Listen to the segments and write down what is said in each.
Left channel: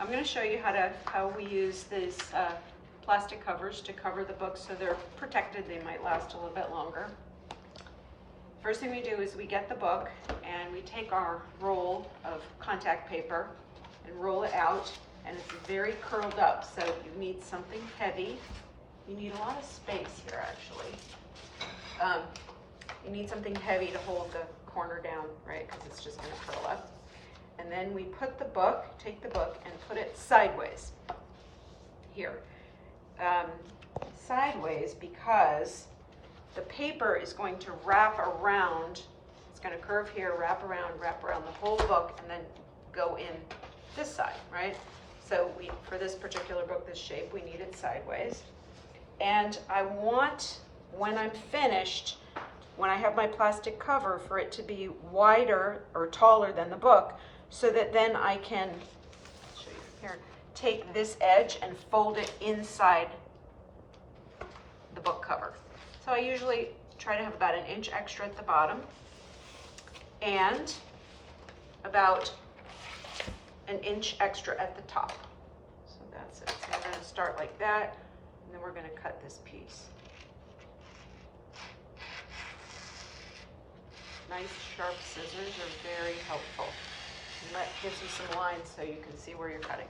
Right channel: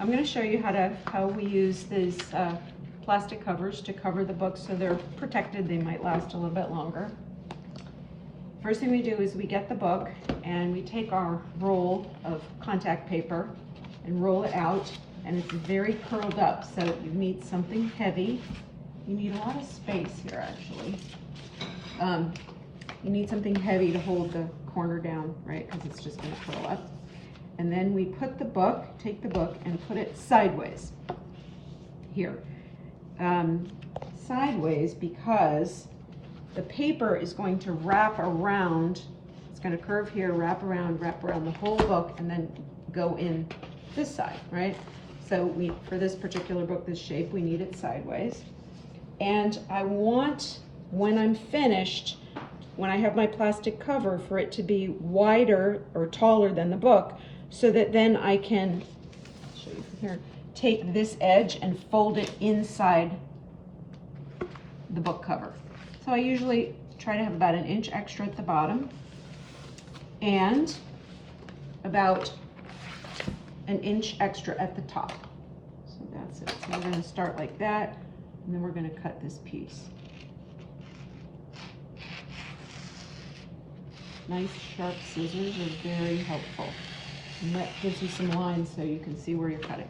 I'm going to show you how we use these plastic covers to cover the books so they're protected. They might last a little bit longer. First thing we do is we get the book and we take our roll of contact paper and roll it out, and it's very curled up, so you need something heavy. You need a lot of space here actually. You need something heavy to hold the corner down, right, because it's just going to curl up. And then we put the book, take the book and put it sideways here. Sideways because the paper is going to wrap around, it's going to curve here, wrap around the whole book, and then go in this side, right? So for this particular book, this shape, we need it sideways. And I want, when I'm finished, when I have my plastic cover, for it to be wider or taller than the book, so that then I can, I'll show you from here, take this edge and fold it inside the book cover. So I usually try to have about an inch extra at the bottom and about an inch extra at the top. So that's it. So we're going to start like that, and then we're going to cut this piece. Nice sharp scissors are very helpful. And that gives you some lines so you can see where you're cutting.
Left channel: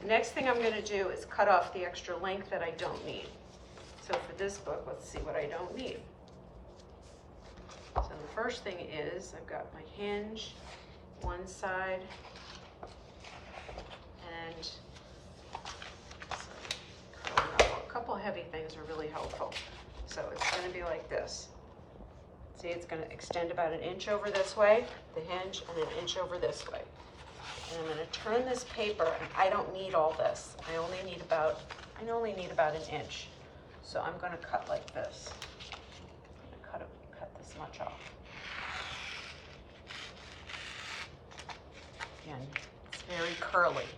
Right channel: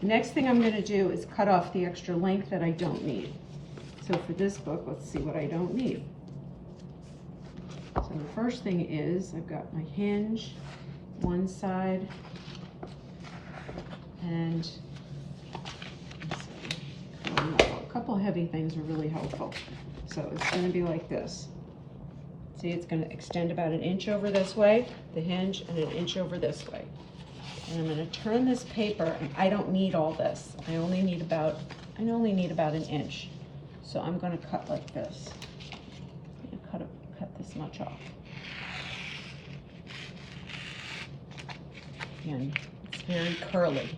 The next thing I'm going to do is cut off the extra length that I don't need. So for this book, let's see what I don't need. So the first thing is I've got my hinge, one side, and a couple heavy things are really helpful. So it's going to be like this. See, it's going to extend about an inch over this way, the hinge, and an inch over this way. And I'm going to turn this paper, and I don't need all this. I only need about an inch. So I'm going to cut like this. I'm going to cut this much off. Again, it's very curly.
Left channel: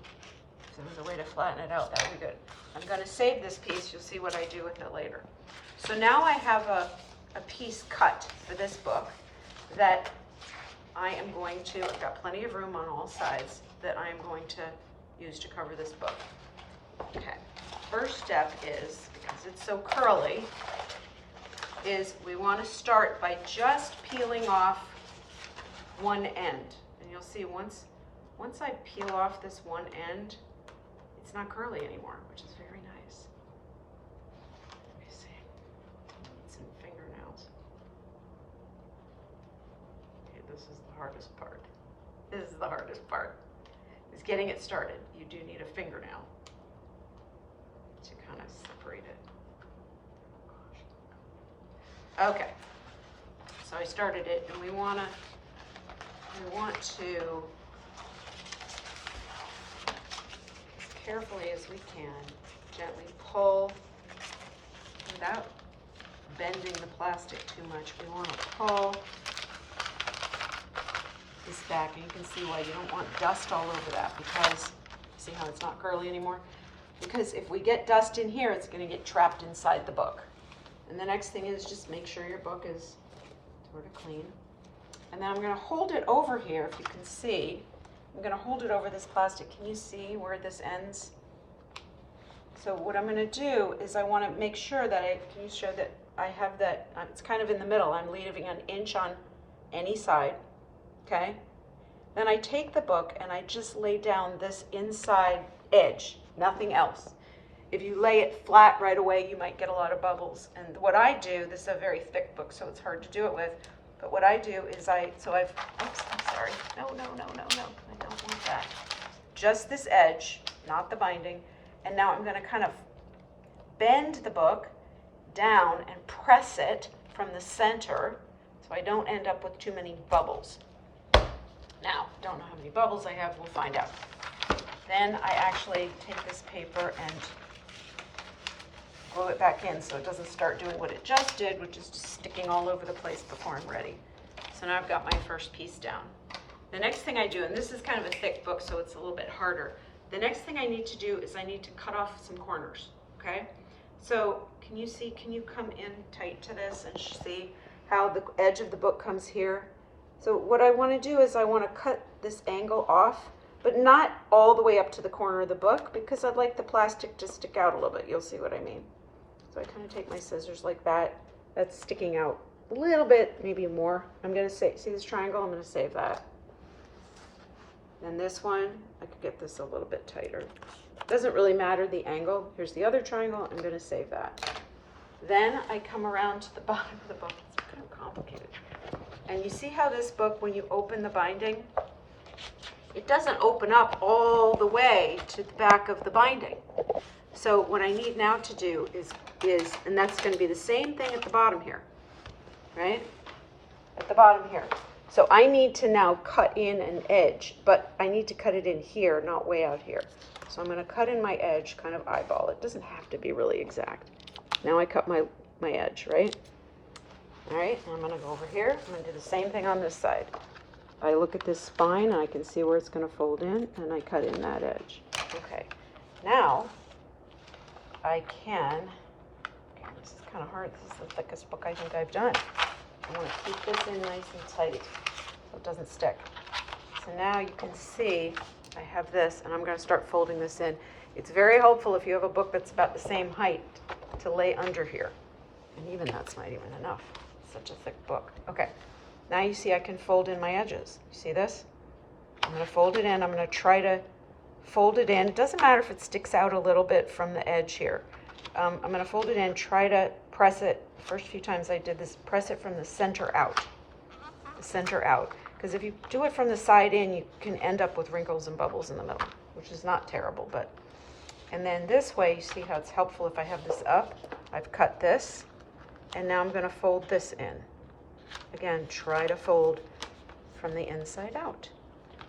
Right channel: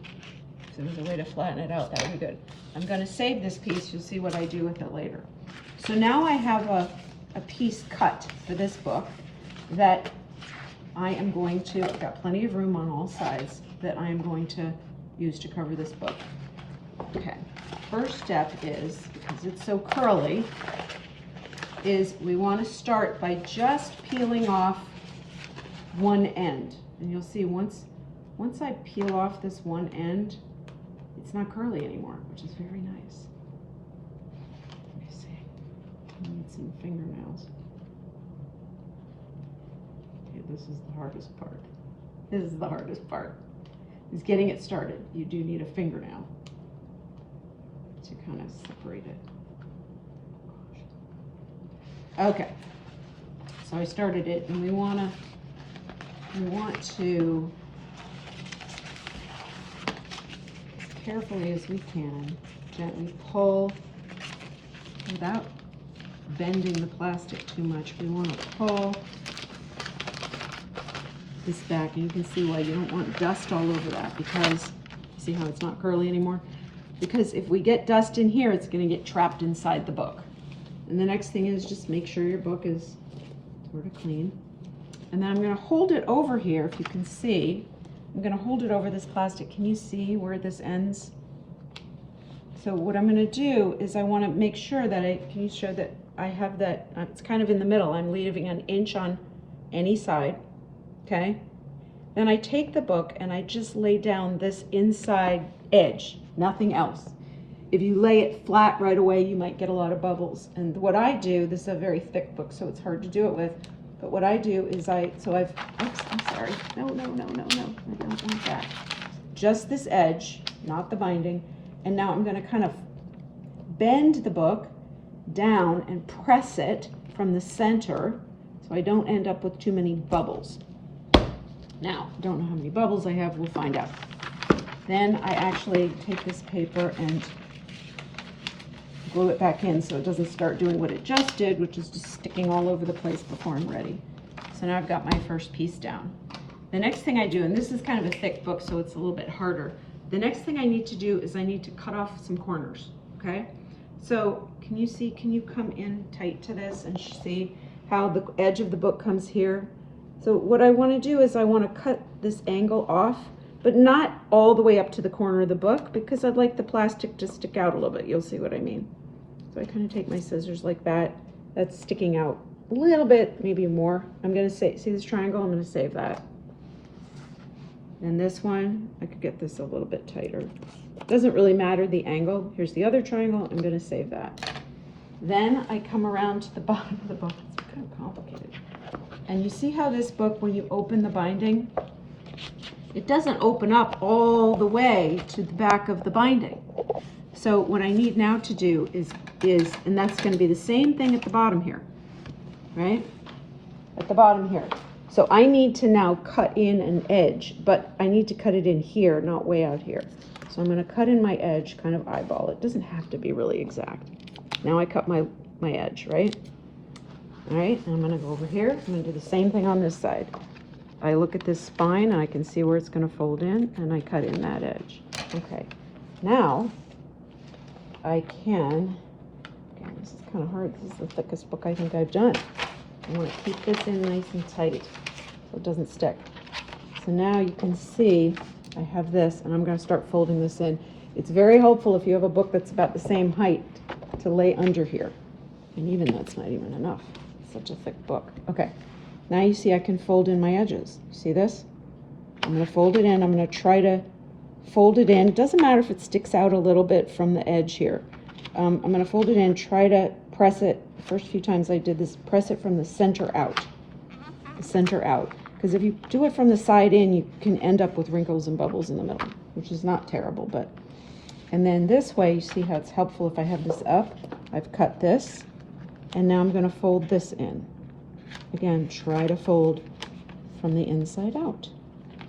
So there's a way to flatten it out. That would be good. I'm going to save this piece. You'll see what I do with it later. So now I have a piece cut for this book that I am going to, I've got plenty of room on all sides, that I am going to use to cover this book. Okay, first step is, because it's so curly, is we want to start by just peeling off one end. And you'll see once I peel off this one end, it's not curly anymore, which is very nice. Let me see. I need some fingernails. Okay, this is the hardest part. This is the hardest part, is getting it started. You do need a fingernail to kind of separate it. Okay, so I started it, and we want to, as carefully as we can, gently pull without bending the plastic too much. We want to pull this back, and you can see why you don't want dust all over that, because see how it's not curly anymore? Because if we get dust in here, it's going to get trapped inside the book. And the next thing is just make sure your book is sort of clean. And then I'm going to hold it over here, if you can see. I'm going to hold it over this plastic. Can you see where this ends? So what I'm going to do is I want to make sure that can you show that I have that, it's kind of in the middle. I'm leaving an inch on any side, okay? Then I take the book and I just lay down this inside edge, nothing else. If you lay it flat right away, you might get a lot of bubbles. And what I do, this is a very thick book, so it's hard to do it with, but what I do is oops, I'm sorry. No, I don't want that. Just this edge, not the binding. And now I'm going to kind of bend the book down and press it from the center so I don't end up with too many bubbles. Now, don't know how many bubbles I have, we'll find out. Then I actually take this paper and glue it back in so it doesn't start doing what it just did, which is just sticking all over the place before I'm ready. So now I've got my first piece down. The next thing I do, and this is kind of a thick book, so it's a little bit harder. The next thing I need to do is I need to cut off some corners, okay? So can you see, can you come in tight to this and see how the edge of the book comes here? So what I want to do is I want to cut this angle off but not all the way up to the corner of the book because I'd like the plastic to stick out a little bit. You'll see what I mean. So I kind of take my scissors like that. That's sticking out a little bit, maybe more. I'm gonna see this triangle? I'm gonna save that. And this one, I could get this a little bit tighter. Doesn't really matter the angle. Here's the other triangle. I'm gonna save that. Then I come around to the bottom of the book. It's kind of complicated. And you see how this book, when you open the binding, it doesn't open up all the way to the back of the binding. So what I need now to do is, and that's gonna be the same thing at the bottom here, right? At the bottom here. So I need to now cut in an edge, but I need to cut it in here, not way out here. So I'm gonna cut in my edge, kind of eyeball it. Doesn't have to be really exact. Now I cut my edge, right? All right, I'm gonna go over here. I'm gonna do the same thing on this side. I look at this spine and I can see where it's gonna fold in, and I cut in that edge. Okay, now I can, okay, this is kind of hard. This is the thickest book I think I've done. I wanna keep this in nice and tight so it doesn't stick. So now you can see I have this, and I'm gonna start folding this in. It's very helpful if you have a book that's about the same height to lay under here. And even that's not even enough. It's such a thick book. Okay, now you see I can fold in my edges. You see this? I'm gonna fold it in. I'm gonna try to fold it in. It doesn't matter if it sticks out a little bit from the edge here. I'm gonna fold it in, try to press it. The first few times I did this, press it from the center out. The center out. Because if you do it from the side in, you can end up with wrinkles and bubbles in the middle, which is not terrible, but. And then this way, you see how it's helpful if I have this up. I've cut this, and now I'm gonna fold this in. Again, try to fold from the inside out.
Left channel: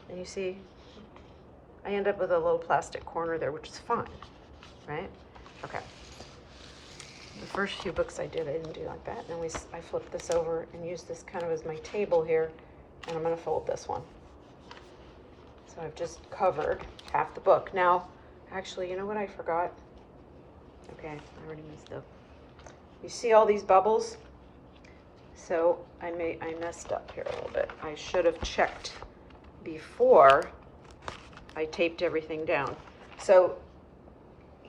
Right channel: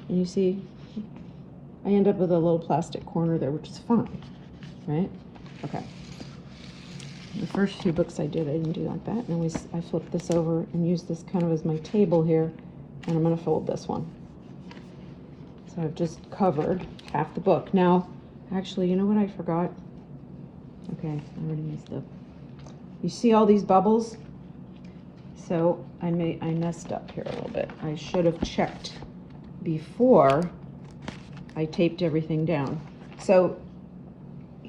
And you see, I end up with a little plastic corner there, which is fine, right? Okay. The first few books I did, I didn't do like that. And I flipped this over and used this kind of as my table here, and I'm gonna fold this one. So I've just covered half the book. Now, actually, you know what I forgot? Okay, I already messed up. You see all these bubbles? So I messed up here a little bit. I should have checked before I taped everything down. So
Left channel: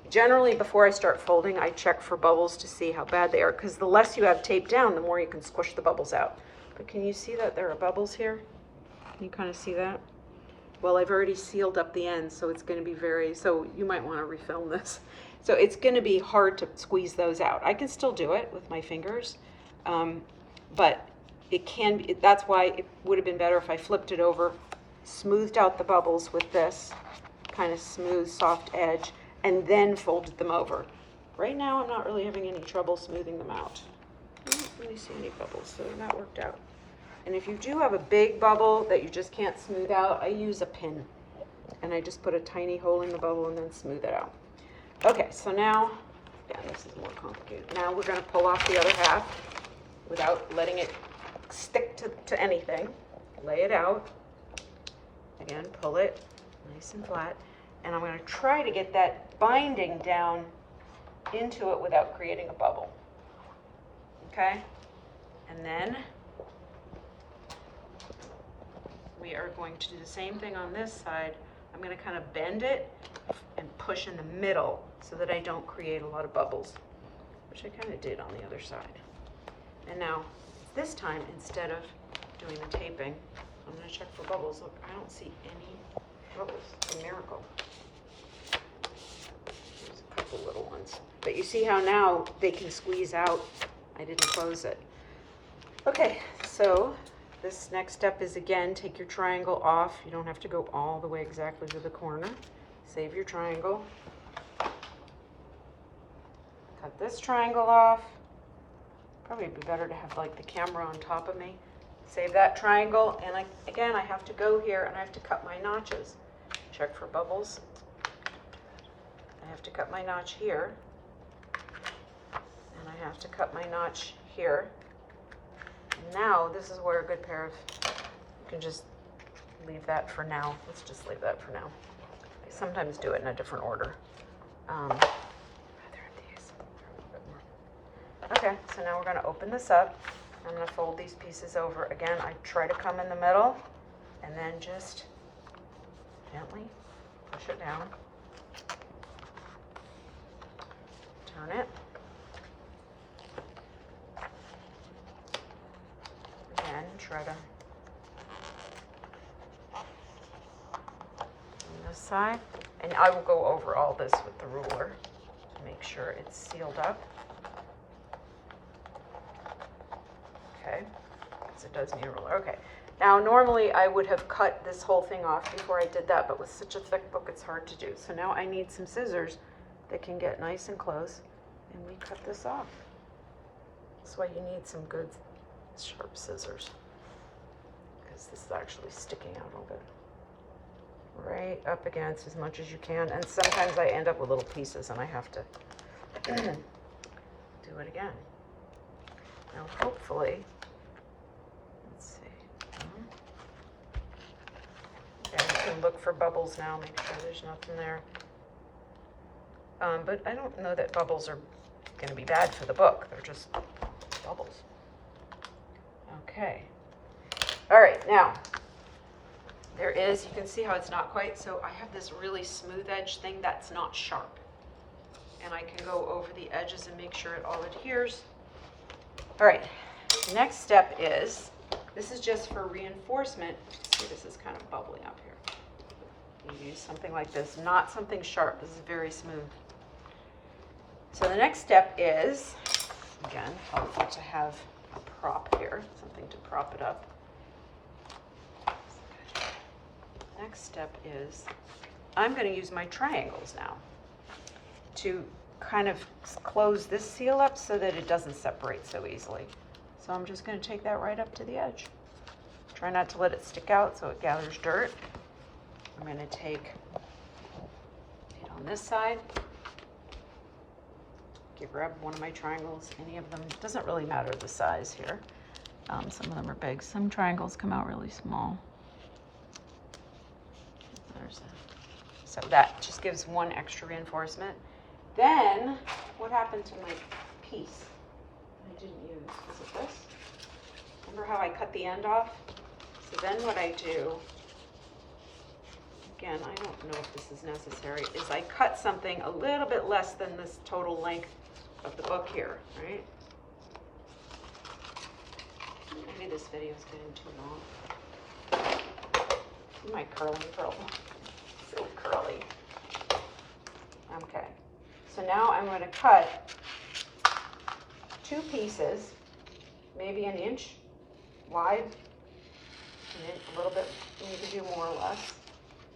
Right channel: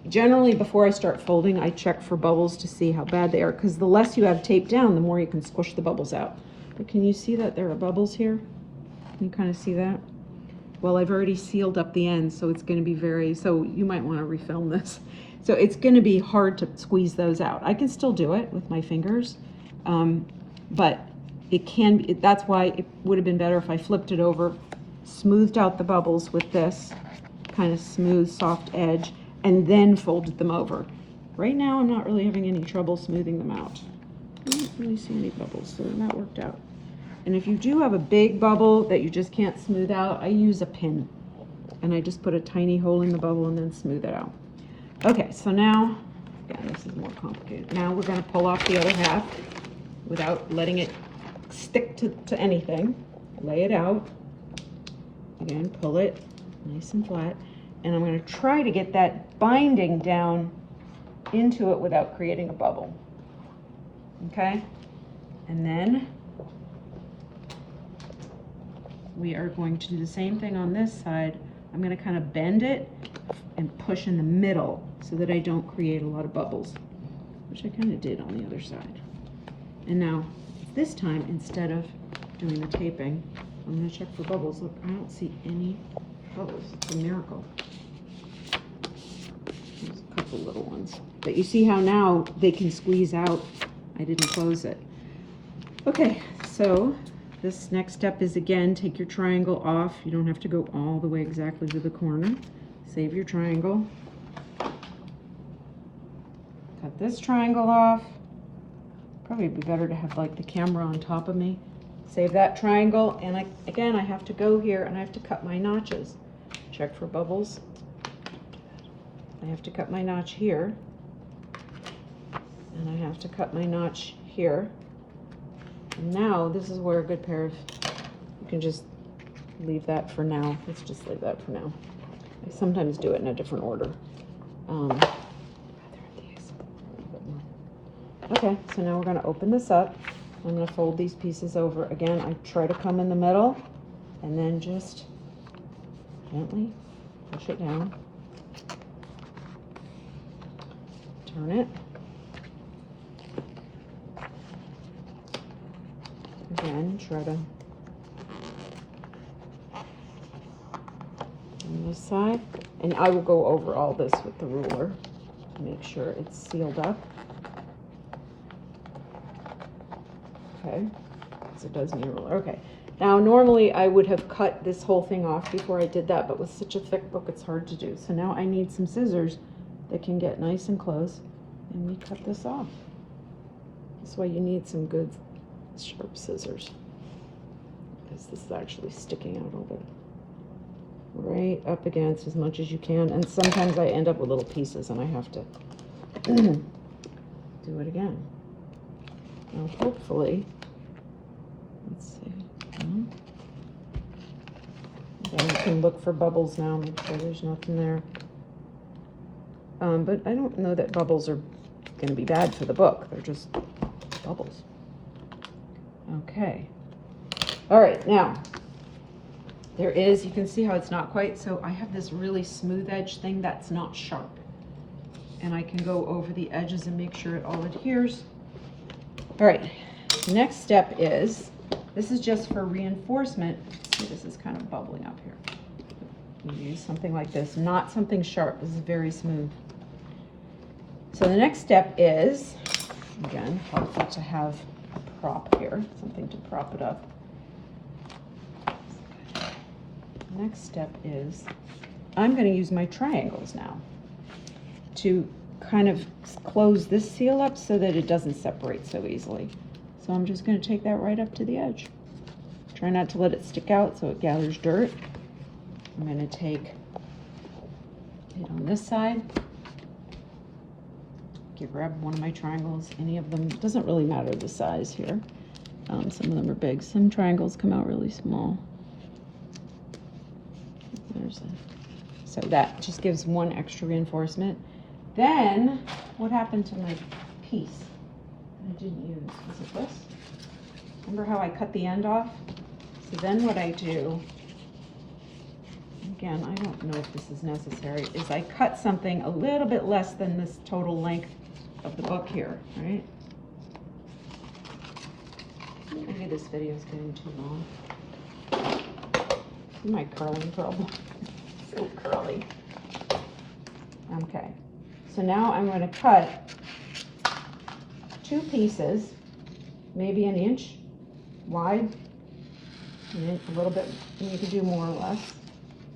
generally before I start folding, I check for bubbles to see how bad they are, because the less you have taped down, the more you can squish the bubbles out. But can you see that there are bubbles here? Can you kind of see that? Well, I've already sealed up the ends, so it's going to be so you might want to refilm this. So it's going to be hard to squeeze those out. I can still do it with my fingers, but it can be, that's why it would have been better if I flipped it over, smoothed out the bubbles with this kind of smooth, soft edge, and then folded them over. Right now, I'm not really having any trouble smoothing them out. I don't really see any bubbles, so that worked out. And if you do have a big bubble that you just can't smooth out, I use a pin. And I just put a tiny hole in the bubble and then smooth it out. Okay, so now, yeah, this is more complicated. Now we're gonna pull off the other half without letting it stick to anything. Lay it out. Again, pull it nice and flat. And I'm gonna try to get that binding down into it without creating a bubble. Okay? And then we are going to do the same thing on this side. I'm gonna kind of bend it and push in the middle so that I don't create a lot of bubbles, which I kind of did on the other side. And now, this time, instead of doing the taping, I'm gonna check for bubbles. Look, I don't see any bubbles. It's a miracle. There's a couple little ones. But you see how now they can squeeze out. I didn't close it. Okay, so this next step is, again, take your triangle off. You don't have to go all the way exactly to the corner. Save your triangle. Cut this triangle off. Probably be better to have like the camera on top of me. Save that triangle, and again, I have to go here and I have to cut my notches. Check for bubbles. I have to cut my notch here. And I have to cut my notch here. And now, this is where a good pair of, you can just leave that for now. Let's just leave that for now. I sometimes do it in a different order. Okay, so now we're gonna open this up. I'm gonna fold these pieces over. Again, I try to come in the middle and then just Gently push it down. Turn it. Again, try to on this side. And I will go over all this with the ruler to make sure it's sealed up. Okay, because it does need a ruler. Okay, now normally I would have cut this whole thing off before I did that, but with such a thick book, it's hard to do. So now I need some scissors that can get nice and close, and we cut this off. That's why you need some good sharp scissors, because this is actually sticking out a little bit. Right up against as much as you can, and sometimes I end up with little pieces and I have to do it again. Now hopefully, let's see, again you can look for bubbles now, make sure there's nothing there, but I don't know that bubbles are going to be bad for the book, they're just bubbles. Okay, all right, now there is, you can see how it's not quite, so I have this really smooth edge thing that's not sharp. And I can go over the edges and make sure it all adheres. All right, the next step is, this is just for reinforcement. See, this is kind of bubbling up here. You use something like this, not something sharp. This is very smooth. So the next step is, again, helpful to have a prop here, something to prop it up. Next step is I'm going to use my triangles now to kind of close this seal up so that it doesn't separate so easily. So I'm just going to take that right up to the edge. Try not to let it stick out so it gathers dirt. I'm going to take it on this side. You grab one of my triangles, any of them, it doesn't really matter the size here. Some of them are big. Some triangles come out really small. So that just gives one extra reinforcement. Then, what happened to my piece that I didn't use? Was it this? Remember how I cut the end off? So then what I do, again, I don't know if this is necessary, is I cut something a little bit less than this total length of the book here, right? Maybe this video is getting too long. My curling problem. So curly. Okay, so now I'm going to cut 2 pieces, maybe an inch wide, and a little bit, and you can do more or less.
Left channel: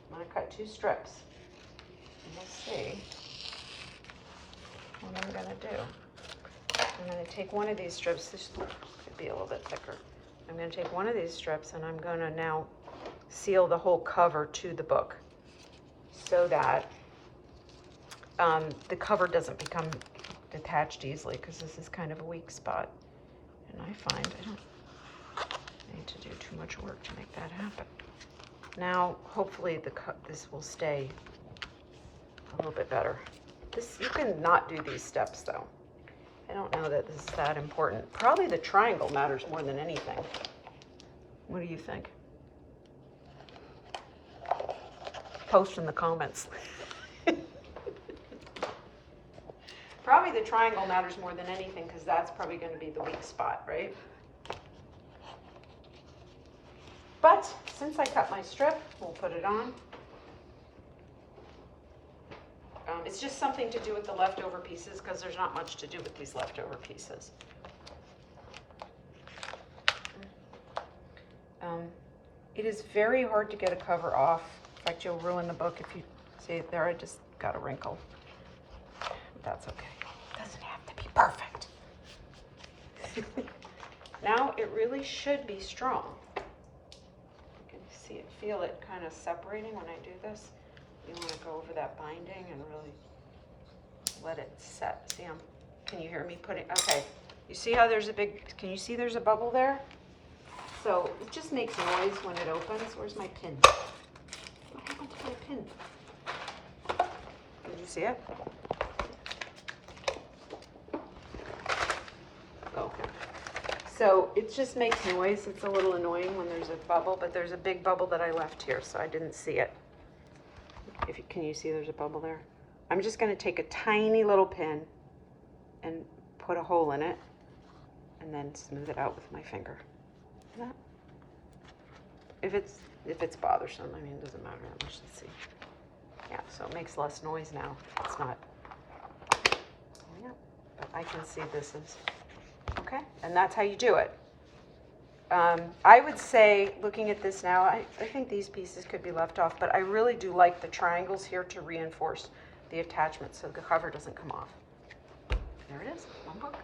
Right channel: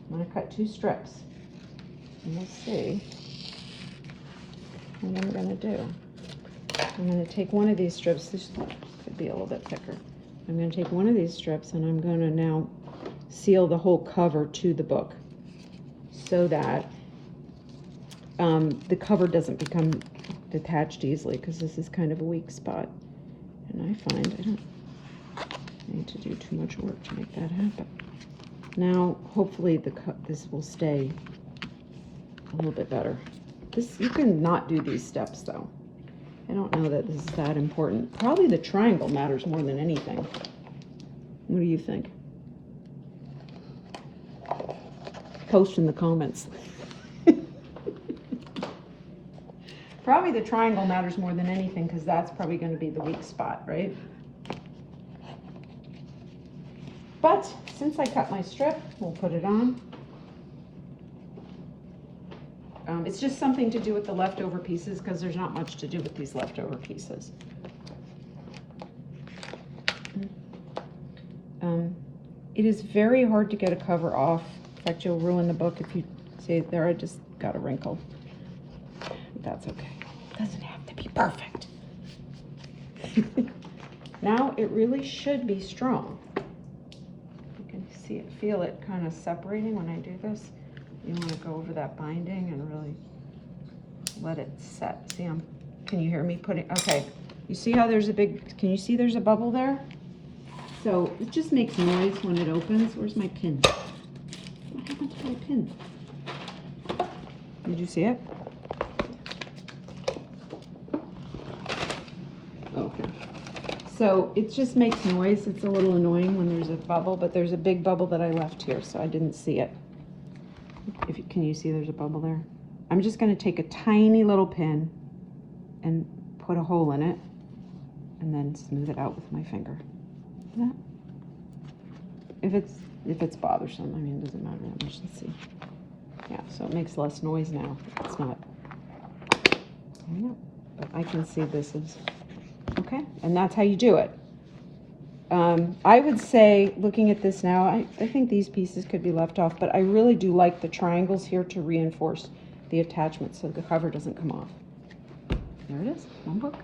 I'm going to cut 2 strips, and we'll see what I'm going to do. I'm going to take one of these strips, this could be a little bit thicker. I'm going to take one of these strips and I'm going to now seal the whole cover to the book so that the cover doesn't become detached easily, because this is kind of a weak spot. And I find I don't need to do too much work to make that happen. Now, hopefully this will stay a little bit better. You can not do these steps though. I don't know that this is that important. Probably the triangle matters more than anything. What do you think? Post in the comments. Probably the triangle matters more than anything, because that's probably going to be the weak spot, right? But since I cut my strip, we'll put it on. It's just something to do with the leftover pieces, because there's not much to do with these leftover pieces. It is very hard to get a cover off. In fact, you'll ruin the book if you see it there. I just got a wrinkle. That's okay. It doesn't have to be perfect. Now it really should be strong. You can see it, feel it kind of separating when I do this. You want to go over that binding and really let it set. See, can you hear me putting, okay. You see how there's a big, can you see there's a bubble there? So it just makes noise when it opens. Where's my pin? What happened to my pin? Did you see it? Okay. So it just makes noise. It's a little annoying when there's a bubble, but there's a big bubble that I left here, so I didn't see it. If you, can you see there's a bubble there? I'm just gonna take a tiny little pin and put a hole in it and then smooth it out with my finger. If it's bothersome, I mean, it doesn't matter that much. Let's see. Yeah, so it makes less noise now. It's not. Yeah, but I can see this is okay, and that's how you do it. I would say, looking at this now, I think these pieces could be left off, but I really do like the triangles here to reinforce the attachment so the cover doesn't come off. There it is, one book.